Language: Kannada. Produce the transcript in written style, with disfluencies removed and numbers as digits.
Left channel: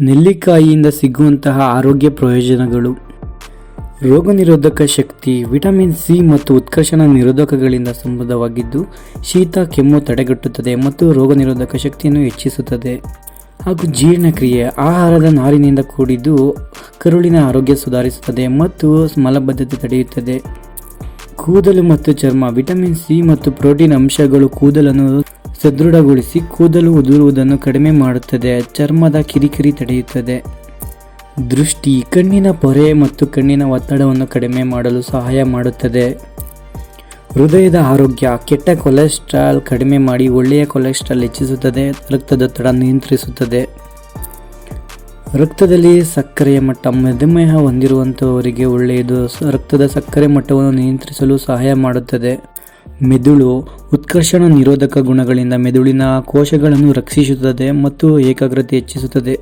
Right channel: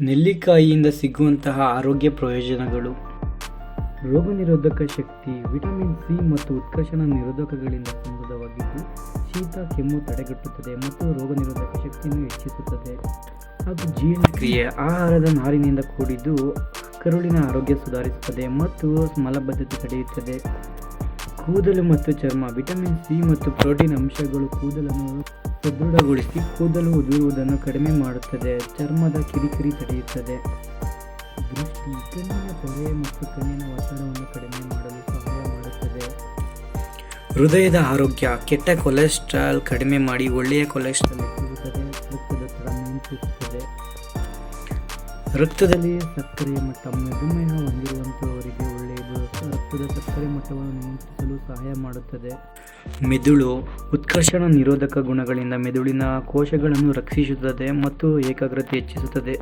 ನೆಲ್ಲಿಕಾಯಿಯಿಂದ ಸಿಗುವಂತಹ ಆರೋಗ್ಯ ಪ್ರಯೋಜನಗಳು. ರೋಗನಿರೋಧಕ ಶಕ್ತಿ. ವಿಟಮಿನ್ ಸಿ ಮತ್ತು ಉತ್ಕರ್ಷಣ ನಿರೋಧಕಗಳಿಂದ ಸಮೃದ್ಧವಾಗಿದ್ದು ಶೀತ ಕೆಮ್ಮು ತಡೆಗಟ್ಟುತ್ತದೆ ಮತ್ತು ರೋಗನಿರೋಧಕ ಶಕ್ತಿಯನ್ನು ಹೆಚ್ಚಿಸುತ್ತದೆ. ಹಾಗೂ ಜೀರ್ಣಕ್ರಿಯೆ. ಆಹಾರದ ನಾರಿನಿಂದ ಕೂಡಿದ್ದು ಕರುಳಿನ ಆರೋಗ್ಯ ಸುಧಾರಿಸುತ್ತದೆ ಮತ್ತು ಮಲಬದ್ಧತೆ ತಡೆಯುತ್ತದೆ. ಕೂದಲು ಮತ್ತು ಚರ್ಮ. ವಿಟಮಿನ್ ಸಿ ಮತ್ತು ಪ್ರೋಟೀನ್ ಅಂಶಗಳು ಕೂದಲನ್ನು ಸದೃಢಗೊಳಿಸಿ ಕೂದಲು ಉದುರುವುದನ್ನು ಕಡಿಮೆ ಮಾಡುತ್ತದೆ. ಚರ್ಮದ ಕಿರಿಕಿರಿ ತಡೆಯುತ್ತದೆ. ದೃಷ್ಟಿ. ಕಣ್ಣಿನ ಪೊರೆ ಮತ್ತು ಕಣ್ಣಿನ ಒತ್ತಡವನ್ನು ಕಡಿಮೆ ಮಾಡಲು ಸಹಾಯ ಮಾಡುತ್ತದೆ. ಹೃದಯದ ಆರೋಗ್ಯ. ಕೆಟ್ಟ ಕೊಲೆಸ್ಟ್ರಾಲ್ ಕಡಿಮೆ ಮಾಡಿ ಒಳ್ಳೆಯ ಕೊಲೆಸ್ಟ್ರಾಲ್ ಹೆಚ್ಚಿಸುತ್ತದೆ. ರಕ್ತದೊತ್ತಡ ನಿಯಂತ್ರಿಸುತ್ತದೆ. ರಕ್ತದಲ್ಲಿ ಸಕ್ಕರೆಯ ಮಟ್ಟ. ಮಧುಮೇಹ ಹೊಂದಿರುವಂತಹವರಿಗೆ ಒಳ್ಳೆಯದು. ರಕ್ತದ ಸಕ್ಕರೆ ಮಟ್ಟವನ್ನು ನಿಯಂತ್ರಿಸಲು ಸಹಾಯ ಮಾಡುತ್ತದೆ. ಮೆದುಳು. ಉತ್ಕರ್ಷಣ ನಿರೋಧಕ ಗುಣಗಳಿಂದ ಮೆದುಳಿನ ಕೋಶಗಳನ್ನು ರಕ್ಷಿಸುತ್ತದೆ ಮತ್ತು ಏಕಾಗ್ರತೆ ಹೆಚ್ಚಿಸುತ್ತದೆ.